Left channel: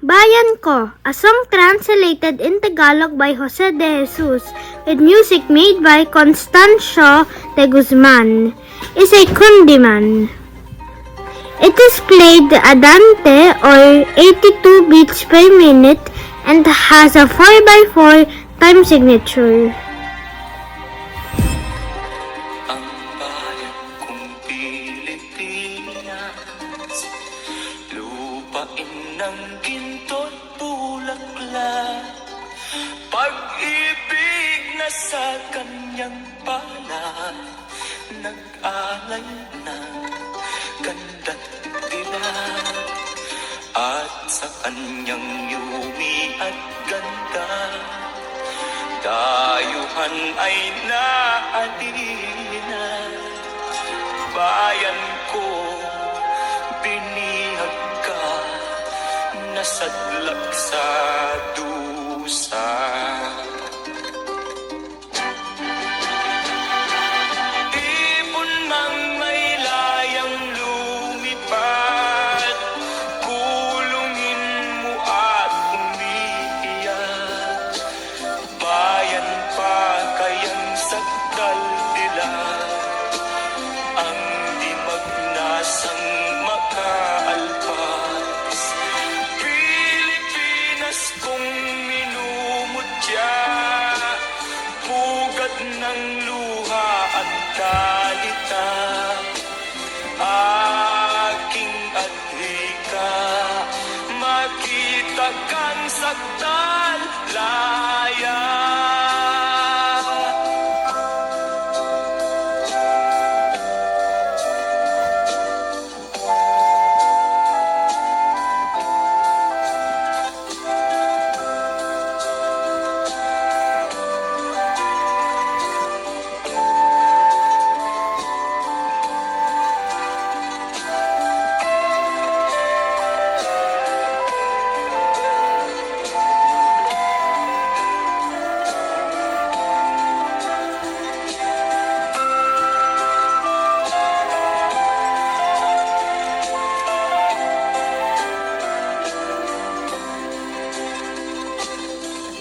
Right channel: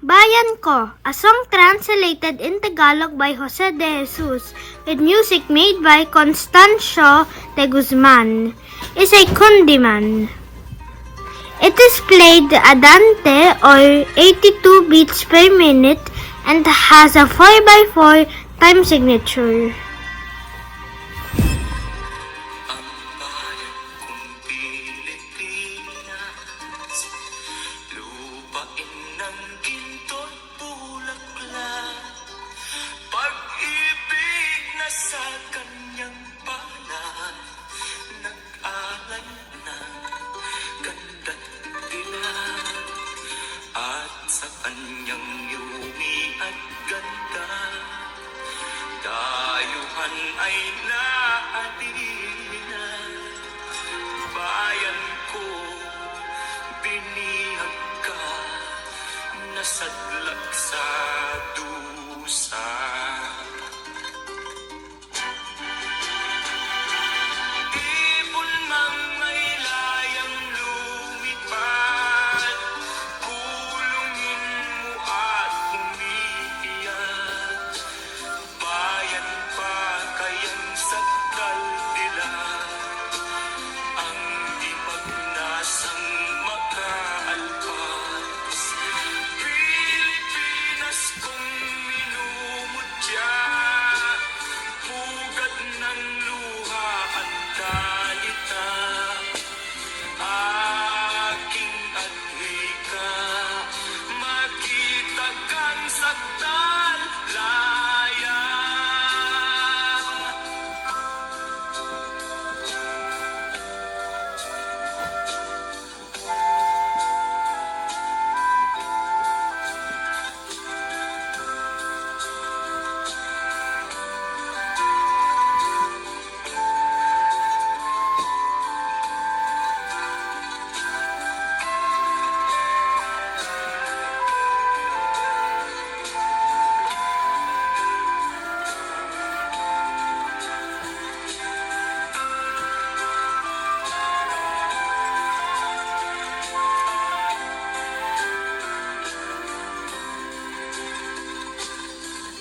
Bayan Ko, a song translated in Tagalog by Jose de Jesus with music made by Constancio de Guzman, is a kundiman. It is played andante or 82 beats per minute and has a 4x4 time signature. Pag-ibig na sa kanyang pala, nag-alay ng ganda't tila, at sa kanyang yumi at ganda, dayuhan ay naalina. Bayan ko, binihag ka, nasadlak sa dusa. Ibon mang may layang lumipad, kulungin mo at umiiyak. Bayan pa kayang sakdal nila, ang di magnasang makaalpas. Pilipinas kong minumutya, pugad ng luha ang dalita, aking adhika, makita kang sakdal laya.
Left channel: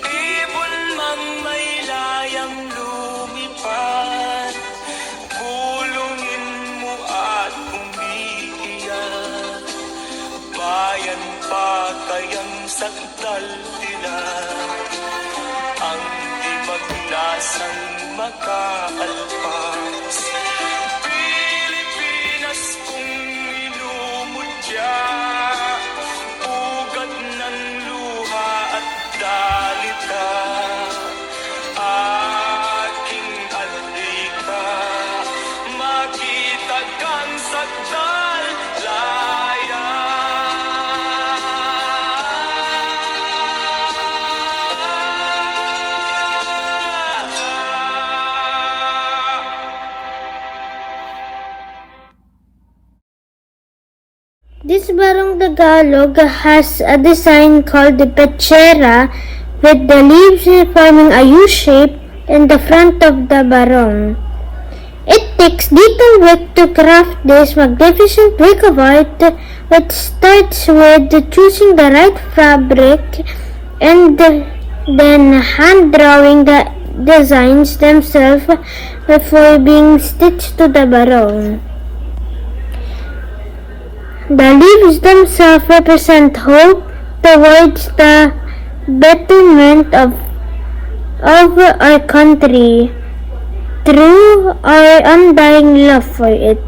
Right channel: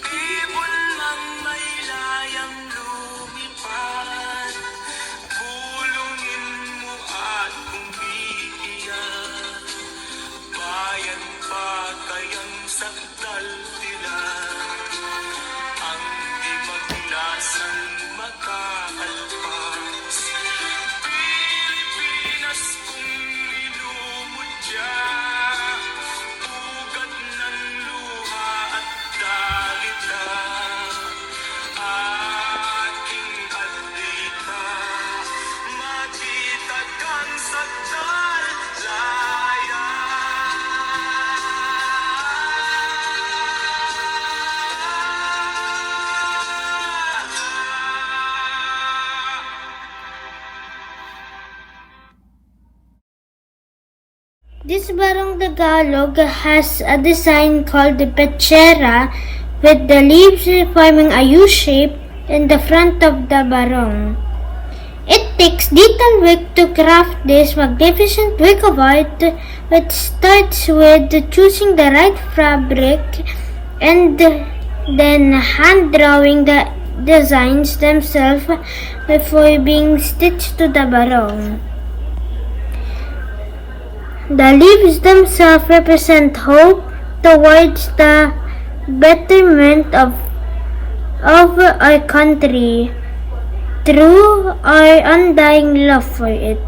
Ibon mang may layang lumipad, bulungin mo at umiiyak. Bayan pa kayang sakdal nila, ang di magnasang makaalpas. Pilipinas kong minumutya, pugad ng luha at dalita, aking adhika, makita kang sakdal laya. This Barong Tagalog has a design called the pechera, with the leaves forming a U shape in the front of the barong. It takes detailed work to craft this magnificent work of art, which starts with choosing the right fabric and then hand drawing the designs themselves before being stitched to the barong. The leaves themselves represent hope towards the betterment of our country through our undying love for it.